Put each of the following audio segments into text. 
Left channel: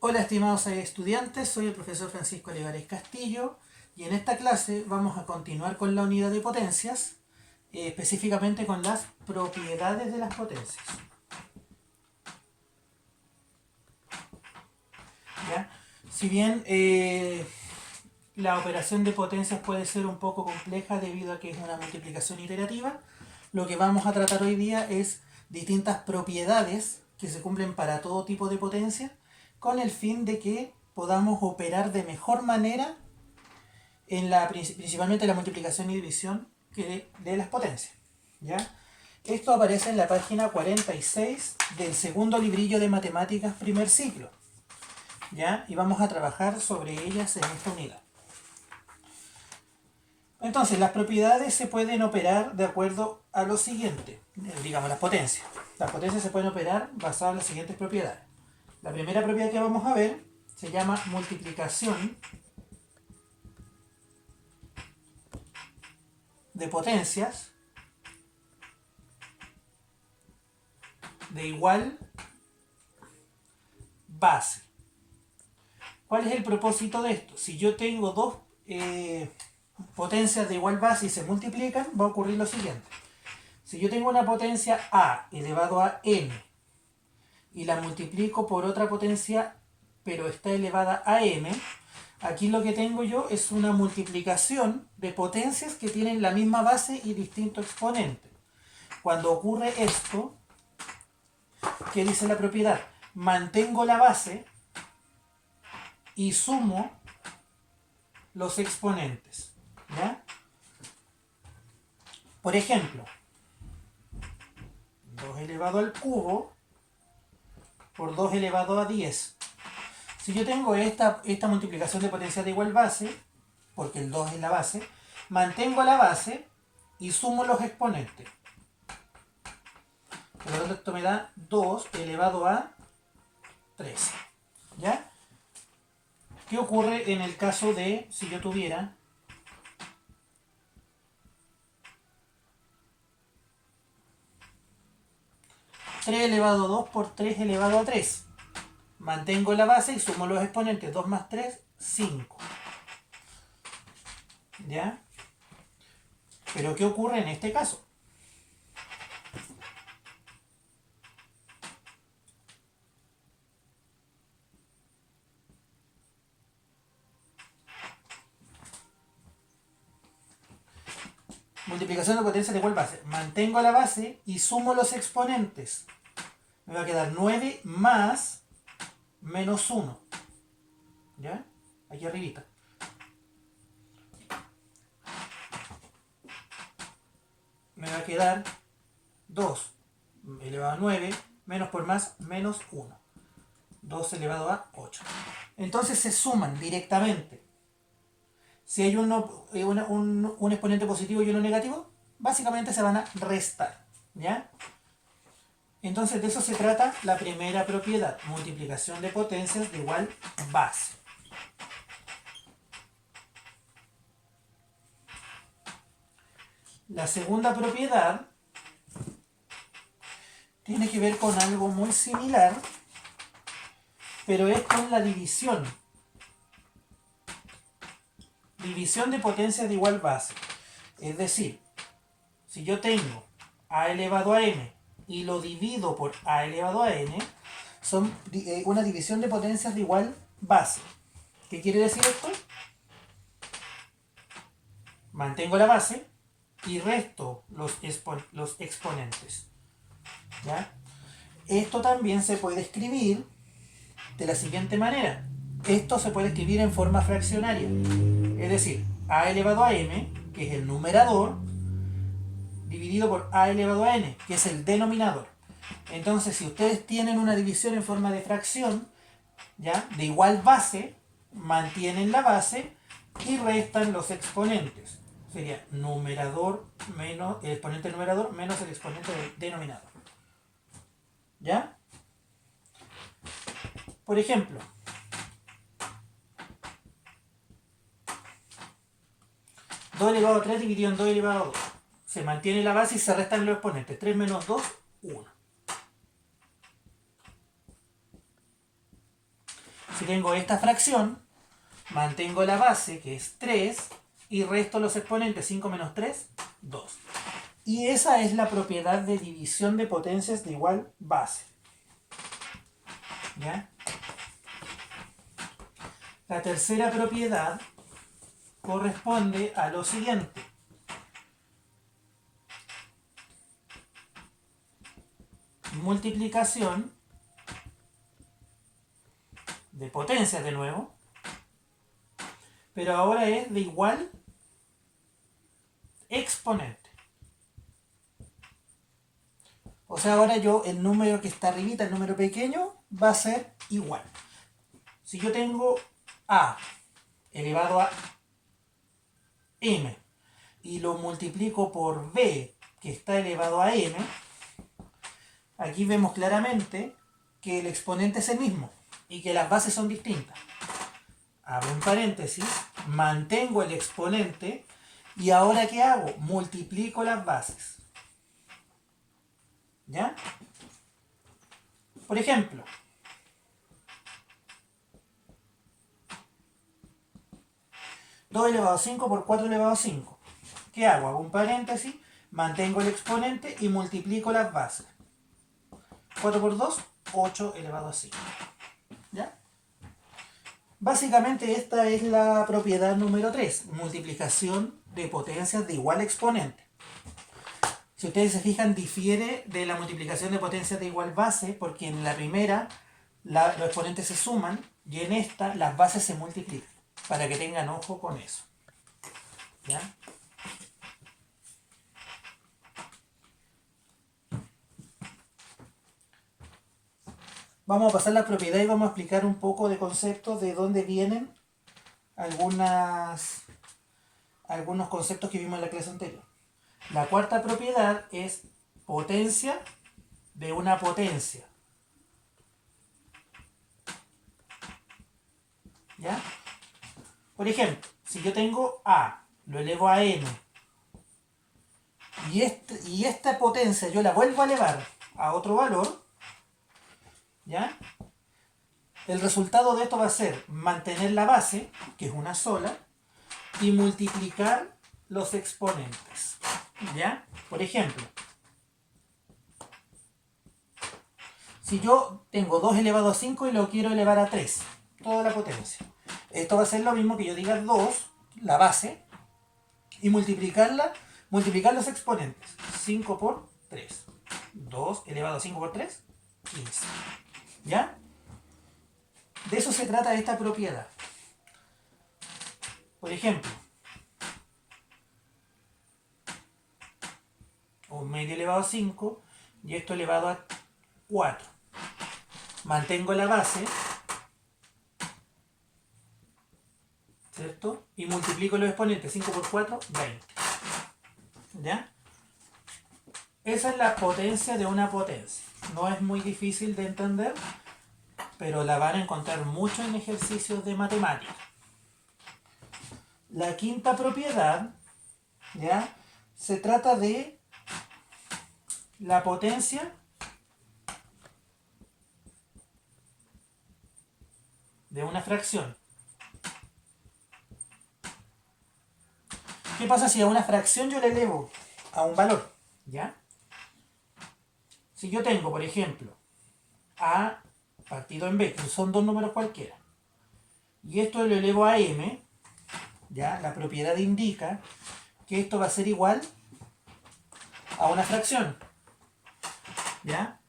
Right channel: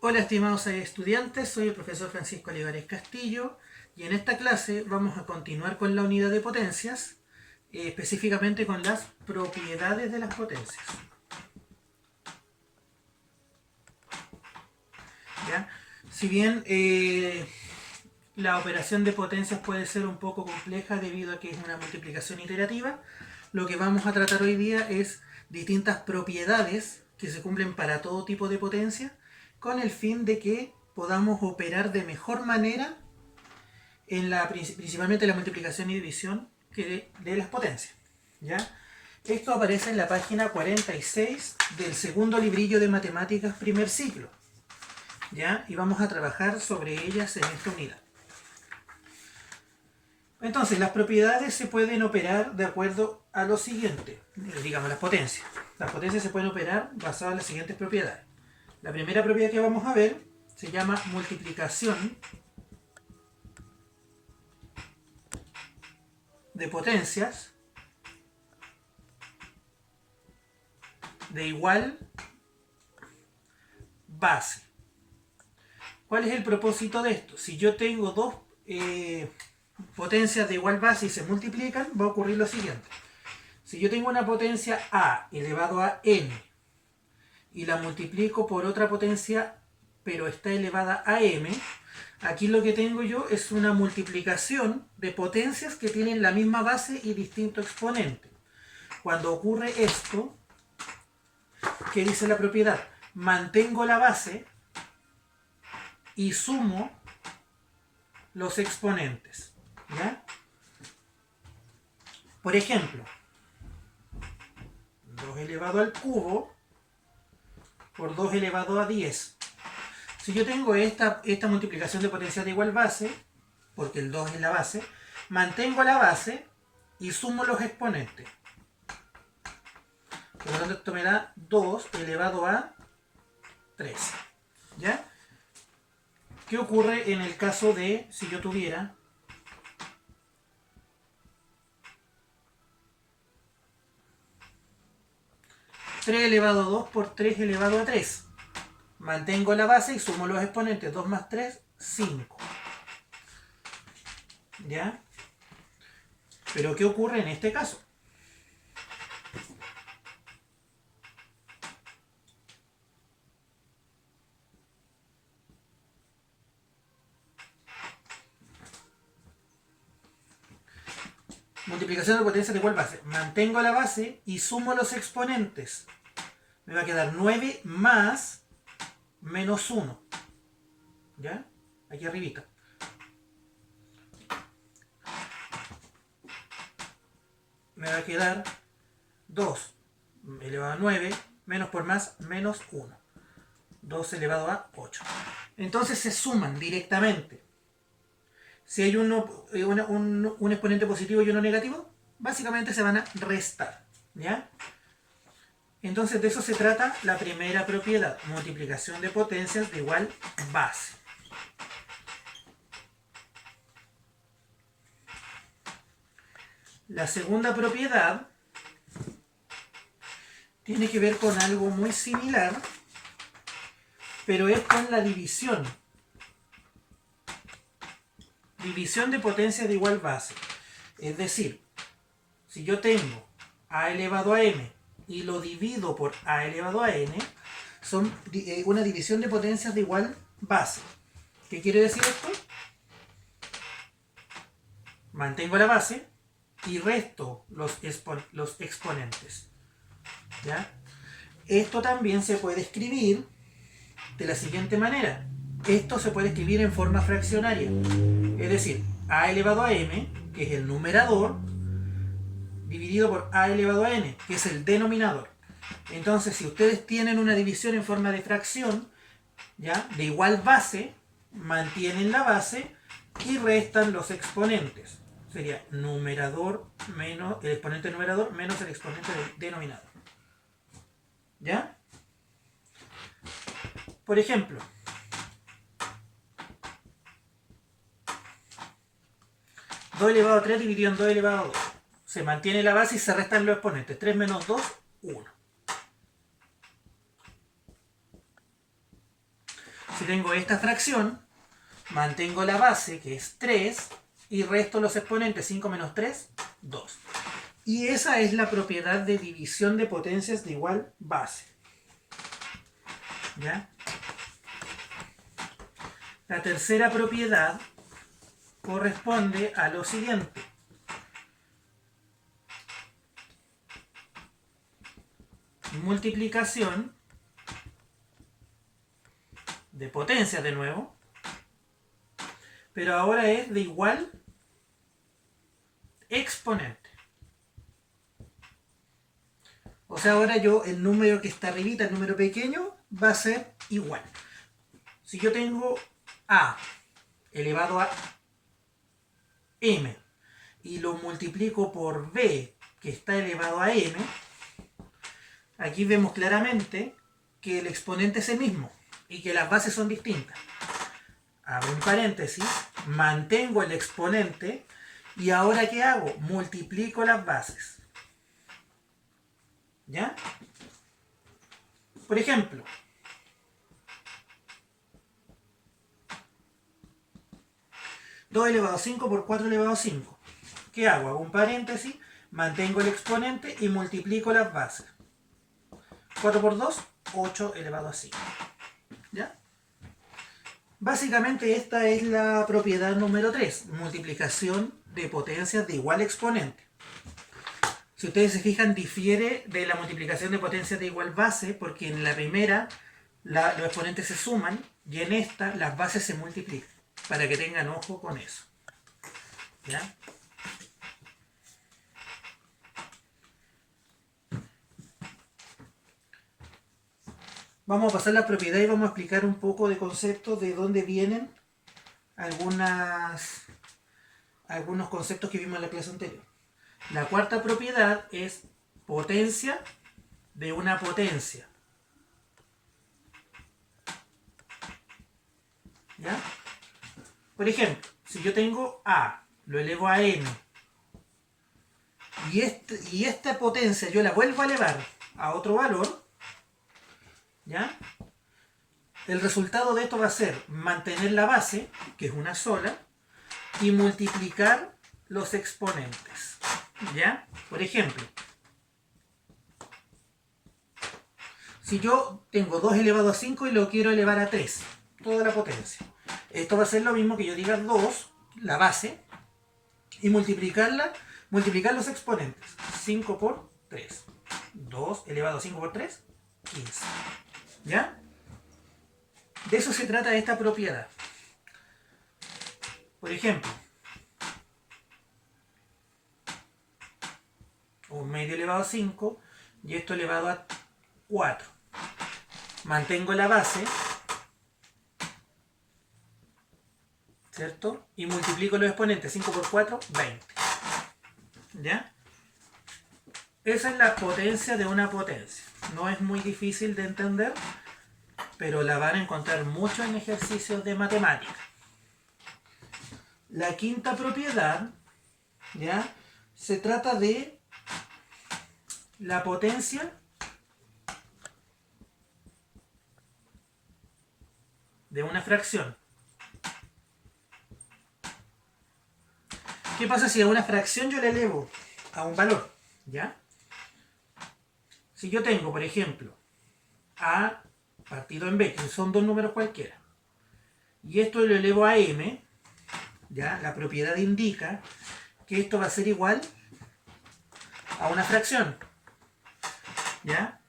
Hola estimados estudiantes, soy el profesor Francisco Olivares Castillo y en esta clase vamos a continuar con la unidad de potencias, específicamente con las propiedades de las potencias. ¿Ya? Si bien la operación de potencias puede ser un poco compleja debido a que es una multiplicación iterativa, lo que vamos a tratar hoy día es distintas propiedades que se cumplen para todo tipo de potencia con el fin de que podamos operar de mejor manera principalmente en la multiplicación y división de las potencias. ¿Ya? Esto aparece en la página 46 del segundo librillo de matemáticas primer ciclo. ¿Ya? Y vamos a trabajar sobre ellas en esta unidad. Entonces, las propiedades se pueden operar de acuerdo a lo siguiente, digamos las potencias. Las potencias se pueden operar basadas en las siguientes propiedades. La primera propiedad que vamos a ver se llama multiplicación de potencias de igual base. ¿Cuál es el propósito de esto? Si yo tengo dos potencias de igual base y se multiplican, va a ocurrir lo siguiente. Si yo tengo una potencia a elevado a n y la multiplico por otra potencia pero está elevada a m, aquí lo que tengo yo es una multiplicación de potencias que tienen la misma base y distinto exponente. Cuando ocurre esto, ¿qué dice la propiedad? Mantengo la base y sumo los exponentes. ¿Ya? Por ejemplo, 2 elevado al cubo por 2 elevado a 10. Si yo tengo esta multiplicación de potencias de igual base, porque el 2 es la base, mantengo la base y sumo los exponentes. Por lo tanto, esto me da 2 elevado a 13. ¿Ya? ¿Qué ocurre en el caso de si yo tuviera 3 elevado a 2 por 3 elevado a 3? Mantengo la base y sumo los exponentes. 2 más 3, 5. ¿Ya? Pero ¿qué ocurre en este caso? Multiplicación de potencias de igual base. Mantengo la base y sumo los exponentes. Me va a quedar 9 más menos 1. ¿Ya? Aquí arribita. Me va a quedar 2 elevado a 9 menos por más menos 1. 2 elevado a 8. Entonces se suman directamente. Si hay un exponente positivo y uno negativo, básicamente se van a restar. ¿Ya? Entonces de eso se trata la primera propiedad, multiplicación de potencias de igual base. La segunda propiedad tiene que ver con algo muy similar, pero es con la división. División de potencias de igual base. Es decir, si yo tengo a elevado a m y lo divido por a elevado a n, son una división de potencias de igual base. ¿Qué quiere decir esto? Mantengo la base y resto los exponentes. ¿Ya? Esto también se puede escribir de la siguiente manera. Esto se puede escribir en forma fraccionaria. Es decir, a elevado a m, que es el numerador, dividido por a elevado a n, que es el denominador. Entonces, si ustedes tienen una división en forma de fracción, ¿ya? De igual base, mantienen la base y restan los exponentes. Sería numerador menos el exponente numerador menos el exponente del denominador. ¿Ya? Por ejemplo, 2 elevado a 3 dividido en 2 elevado a 2. Se mantiene la base y se restan los exponentes. 3 menos 2, 1. Si tengo esta fracción, mantengo la base, que es 3, y resto los exponentes. 5 menos 3, 2. Y esa es la propiedad de división de potencias de igual base. ¿Ya? La tercera propiedad corresponde a lo siguiente. Multiplicación de potencias de nuevo, pero ahora es de igual exponente. O sea, ahora el número que está arribita, el número pequeño, va a ser igual. Si yo tengo a elevado a m y lo multiplico por b, que está elevado a n, aquí vemos claramente que el exponente es el mismo y que las bases son distintas. Abro un paréntesis, mantengo el exponente y ahora ¿qué hago? Multiplico las bases. ¿Ya? Por ejemplo, (2 elevado a 5 por 4 elevado a 5. ¿Qué hago? Hago un paréntesis, mantengo el exponente y multiplico las bases. 4 por 2, 8 elevado a 5. ¿Ya? Básicamente esta es la propiedad número 3, multiplicación de potencias de igual exponente. Si ustedes se fijan, difiere de la multiplicación de potencias de igual base, porque en la primera los exponentes se suman y en esta las bases se multiplican, para que tengan ojo con eso. ¿Ya? Vamos a pasar la propiedad y vamos a explicar un poco de conceptos de dónde vienen algunos conceptos que vimos en la clase anterior. La cuarta propiedad es potencia de una potencia. ¿Ya? Por ejemplo, si yo tengo a, lo elevo a n, y esta potencia yo la vuelvo a elevar a otro valor, ¿ya? El resultado de esto va a ser mantener la base, que es una sola, y multiplicar los exponentes. ¿Ya? Por ejemplo, si yo tengo 2 elevado a 5 y lo quiero elevar a 3, toda la potencia. Esto va a ser lo mismo que yo diga 2, la base, y multiplicar los exponentes. 5 por 3. 2 elevado a 5 por 3, 15. ¿Ya? De eso se trata esta propiedad. Por ejemplo, un medio elevado a 5 y esto elevado a 4. Mantengo la base, ¿cierto? Y multiplico los exponentes. 5 por 4, 20. ¿Ya? Esa es la potencia de una potencia. No es muy difícil de entender, pero la van a encontrar mucho en ejercicios de matemática. La quinta propiedad, ¿ya? Se trata de la potencia de una fracción. ¿Qué pasa si a una fracción yo le elevo a un valor? ¿Ya? Si yo tengo, por ejemplo, a partido en b, que son dos números cualquiera, y esto lo elevo a m, ¿ya? La propiedad indica que esto va a ser igual a una fracción, ¿ya?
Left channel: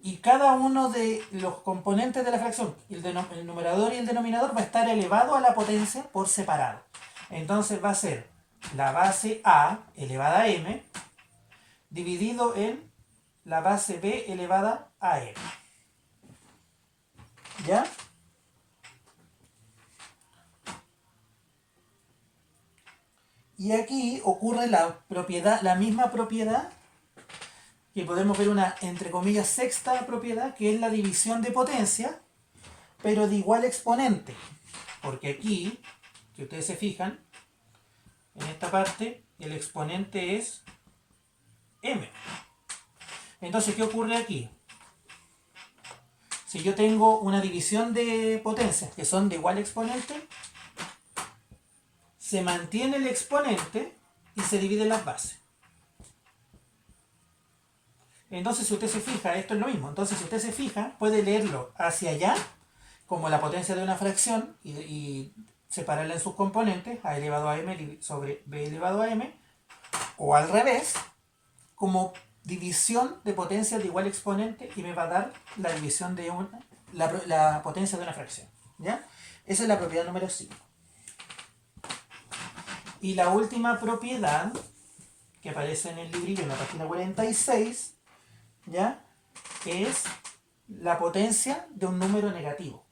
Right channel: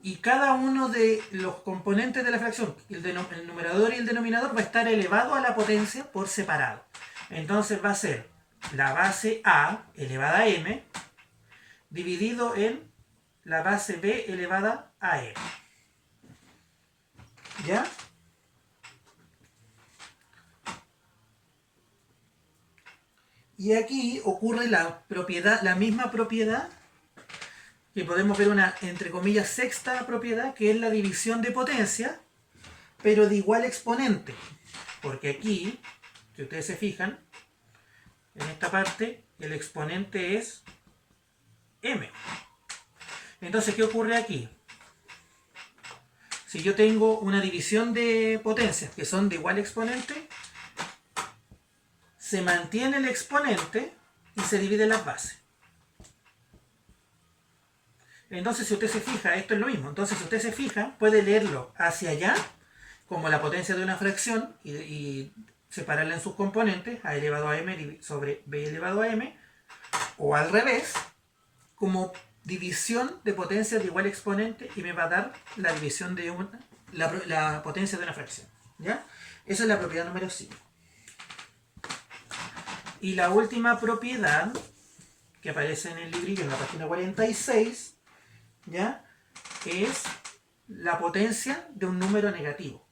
Y cada uno de los componentes de la fracción, el numerador y el denominador, va a estar elevado a la potencia por separado. Entonces va a ser la base a elevada a m dividido en la base b elevada a m. ¿Ya? Y aquí ocurre la misma propiedad, que podemos ver una, entre comillas, sexta propiedad, que es la división de potencia, pero de igual exponente. Porque aquí, si ustedes se fijan, en esta parte, el exponente es m. Entonces, ¿qué ocurre aquí? Si yo tengo una división de potencias que son de igual exponente, se mantiene el exponente y se dividen las bases. Entonces, si usted se fija, esto es lo mismo. Entonces, si usted se fija, puede leerlo hacia allá, como la potencia de una fracción, y separarla en sus componentes, a elevado a m sobre b elevado a m, o al revés, como división de potencias de igual exponente, y me va a dar la división de la potencia de una fracción. ¿Ya? Esa es la propiedad número 5. Y la última propiedad, que aparece en el librillo en la página 46, ¿ya? Es la potencia de un número negativo.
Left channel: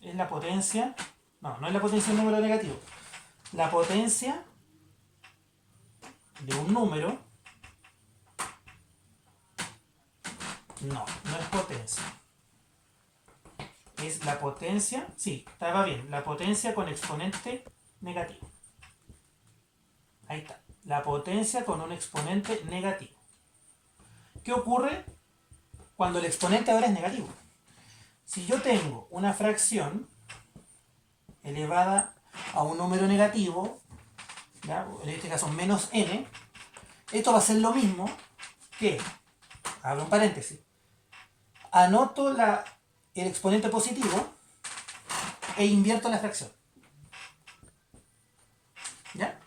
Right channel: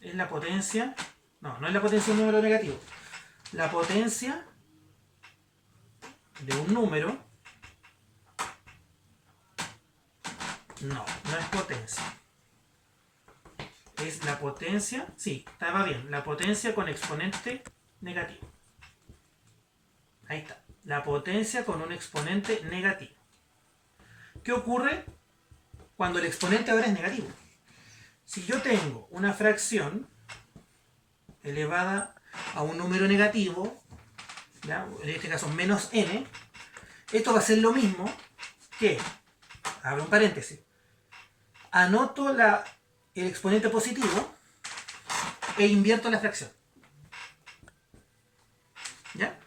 Es la potencia, no es la potencia de un número negativo. La potencia de un número, no es potencia. Es la potencia, sí, estaba bien, la potencia con exponente negativo. Ahí está, la potencia con un exponente negativo. ¿Qué ocurre cuando el exponente ahora es negativo? Si yo tengo una fracción elevada a un número negativo, ¿ya? En este caso menos n, esto va a ser lo mismo que, abro un paréntesis, anoto el exponente positivo e invierto la fracción. ¿Ya?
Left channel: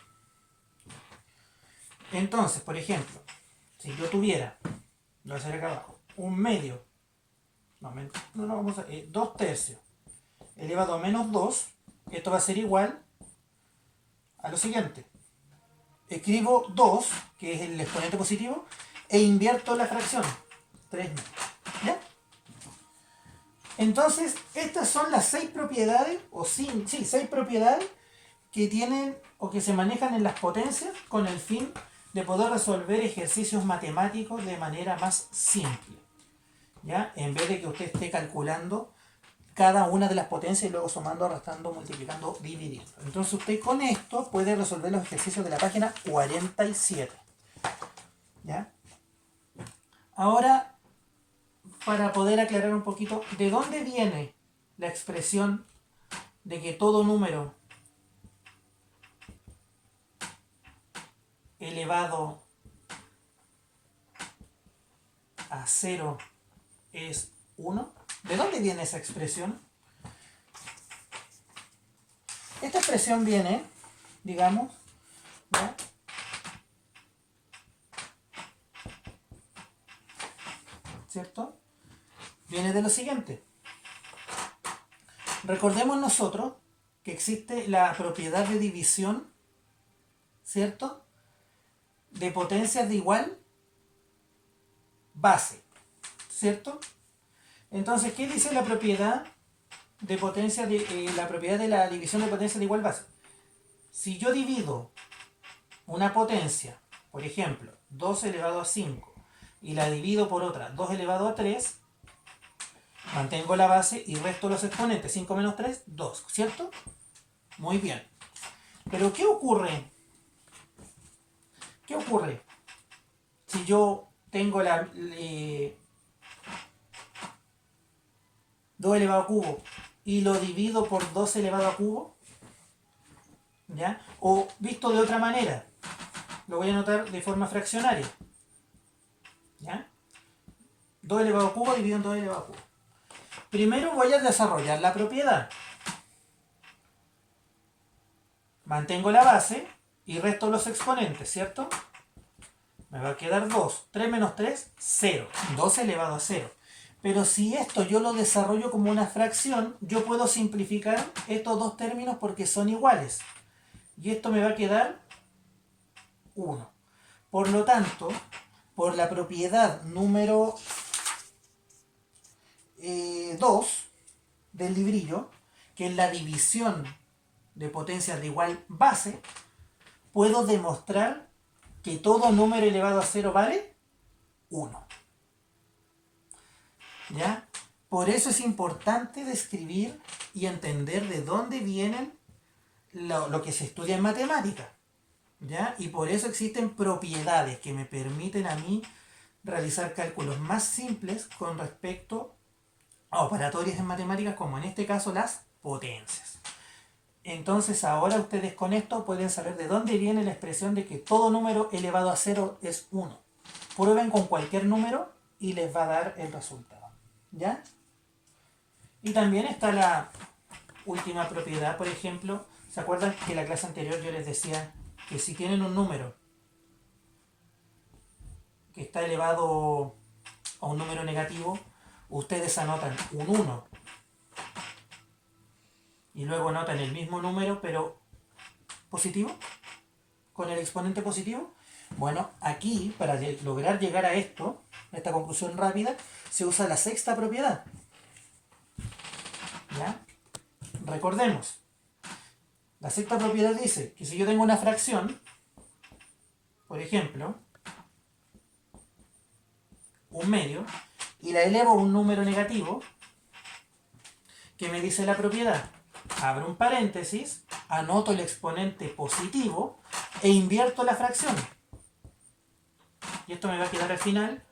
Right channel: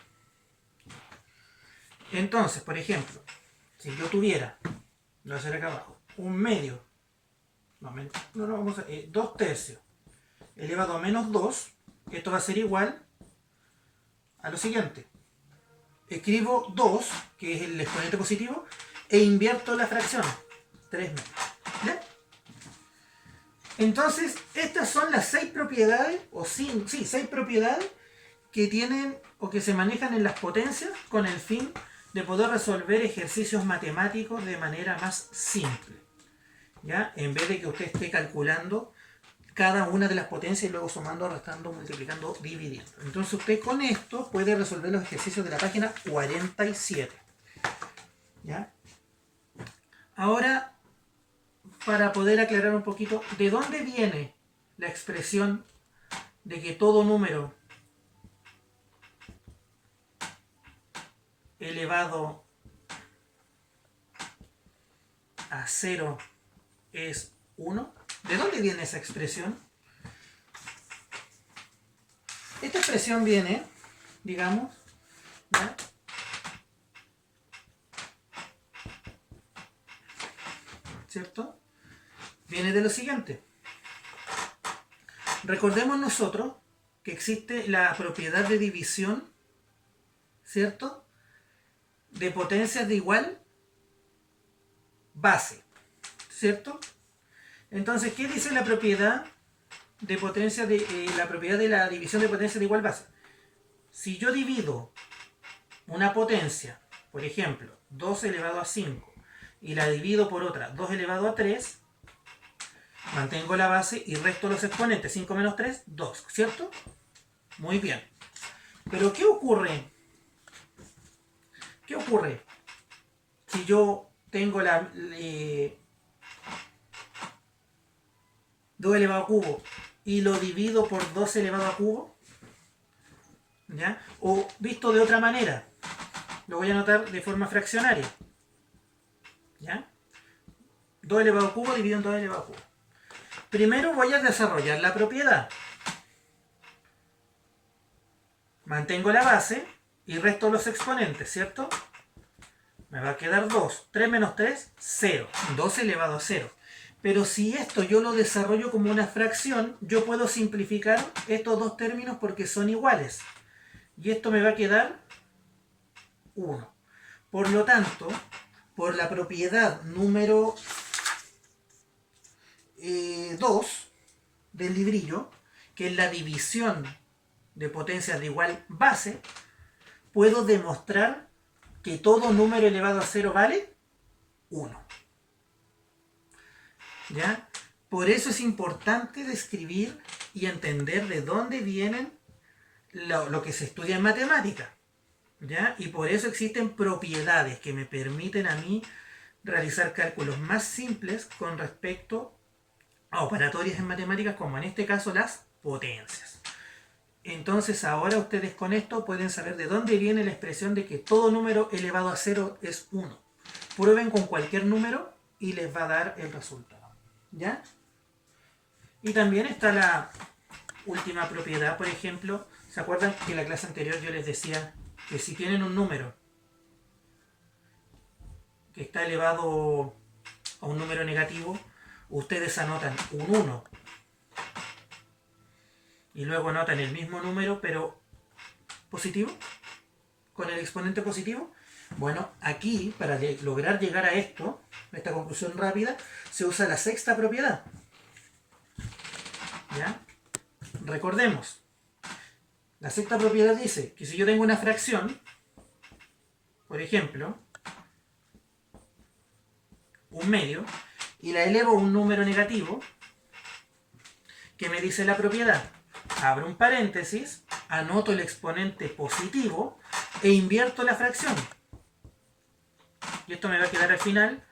Entonces, por ejemplo, si yo tuviera, lo voy a hacer acá abajo, un medio, vamos a 2 tercios elevado a menos 2, esto va a ser igual a lo siguiente. Escribo 2, que es el exponente positivo, e invierto la fracción, 3 menos. ¿Ya? Entonces, estas son las 6 propiedades, o 6 propiedades que tienen o que se manejan en las potencias con el fin de poder resolver ejercicios matemáticos de manera más simple. ¿Ya? En vez de que usted esté calculando cada una de las potencias y luego sumando, restando, multiplicando, dividiendo. Entonces usted con esto puede resolver los ejercicios de la página 47. ¿Ya? Ahora, para poder aclarar un poquito, ¿de dónde viene la expresión de que todo número elevado a 0 es 1? ¿De dónde viene esa expresión? Esta expresión viene, digamos, ¿ya? ¿Cierto? Viene de lo siguiente. Recordemos nosotros que existe la propiedad de división, ¿cierto? De potencias de igual base, ¿cierto? Entonces, ¿qué dice la propiedad de potencia la propiedad de la división de potencias de igual base? Si yo divido una potencia, por ejemplo, 2 elevado a 5, y la divido por otra, 2 elevado a 3, mantengo la base y resto los exponentes. 5 menos 3, 2, ¿cierto? Muy bien. Pero ¿qué ocurre? ¿Qué ocurre si yo tengo 2 elevado a cubo y lo divido por 2 elevado a cubo? ¿Ya? O visto de otra manera, lo voy a anotar de forma fraccionaria. ¿Ya? 2 elevado a cubo dividido en 2 elevado a cubo. Primero voy a desarrollar la propiedad. Mantengo la base y resto los exponentes, ¿cierto? Me va a quedar 2. 3 menos 3, 0. 2 elevado a 0. Pero si esto yo lo desarrollo como una fracción, yo puedo simplificar estos dos términos porque son iguales. Y esto me va a quedar 1. Por lo tanto, por la propiedad número 2 del librillo, que es la división de potencias de igual base, puedo demostrar que todo número elevado a 0 vale 1. ¿Ya? Por eso es importante describir y entender de dónde vienen lo que se estudia en matemática. ¿Ya? Y por eso existen propiedades que me permiten a mí realizar cálculos más simples con respecto a operatorias en matemáticas, como en este caso las potencias. Entonces ahora ustedes con esto pueden saber de dónde viene la expresión de que todo número elevado a 0 es 1. Prueben con cualquier número y les va a dar el resultado. ¿Ya? Y también está la última propiedad, por ejemplo, ¿se acuerdan que en la clase anterior yo les decía que si tienen un número que está elevado a un número negativo, ustedes anotan un 1 y luego anotan el mismo número pero positivo, con el exponente positivo? Bueno, aquí para lograr llegar a esto, a esta conclusión rápida, se usa la sexta propiedad. ¿Ya? Recordemos, la sexta propiedad dice que si yo tengo una fracción, por ejemplo, un medio, y la elevo a un número negativo, ¿qué me dice la propiedad? Abro un paréntesis, anoto el exponente positivo e invierto la fracción. Y esto me va a quedar al final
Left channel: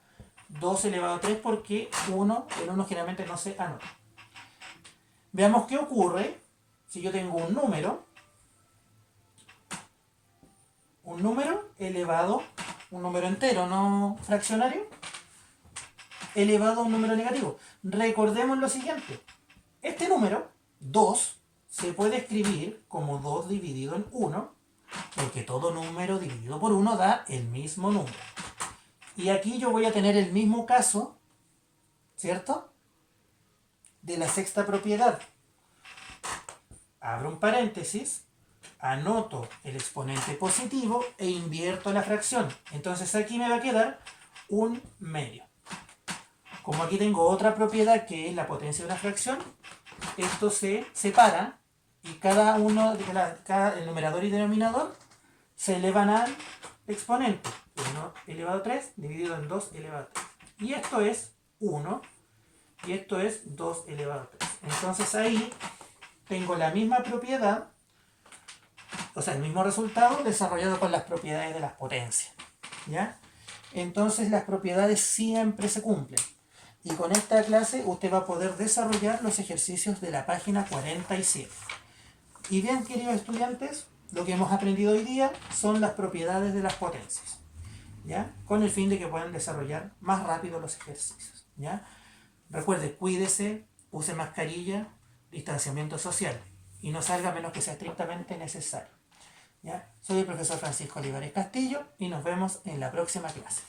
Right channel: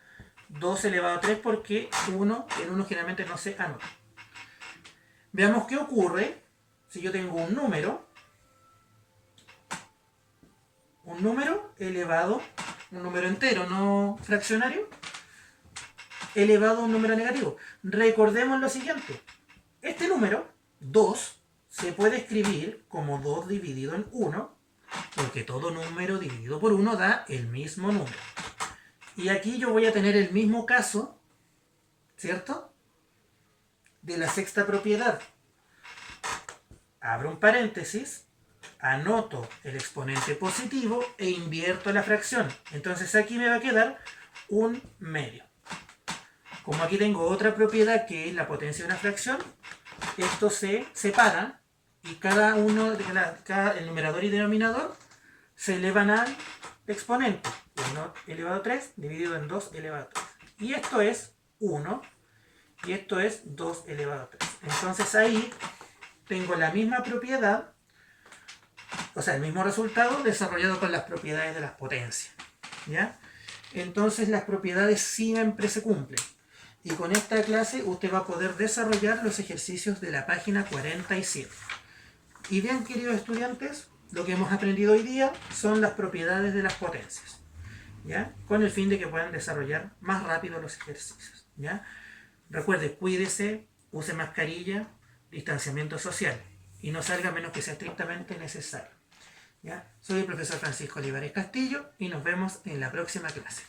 2 elevado a 3 porque el 1 generalmente no se anota. Veamos qué ocurre si yo tengo un número elevado, un número entero, no fraccionario, elevado a un número negativo. Recordemos lo siguiente. Este número, 2, se puede escribir como 2 dividido en 1, porque todo número dividido por 1 da el mismo número. Y aquí yo voy a tener el mismo caso, ¿cierto?, de la sexta propiedad. Abro un paréntesis, anoto el exponente positivo e invierto la fracción. Entonces aquí me va a quedar un medio. Como aquí tengo otra propiedad que es la potencia de una fracción, esto se separa y cada el numerador y denominador se elevan al exponente. 1 elevado a 3 dividido en 2 elevado a 3. Y esto es 1 y esto es 2 elevado a 3. Entonces ahí tengo la misma propiedad, o sea, el mismo resultado desarrollado con las propiedades de las potencias. ¿Ya? Entonces las propiedades siempre se cumplen. Y con esta clase usted va a poder desarrollar los ejercicios de la página 47. Y bien, queridos estudiantes, lo que hemos aprendido hoy día son las propiedades de las potencias, ¿ya? Con el fin de que puedan desarrollar más rápido los ejercicios, ¿ya? Recuerde, cuídese, use mascarilla, distanciamiento social y no salga a menos que sea estrictamente necesario, ¿ya? Soy el profesor Francisco Olivares Castillo y nos vemos en la próxima clase.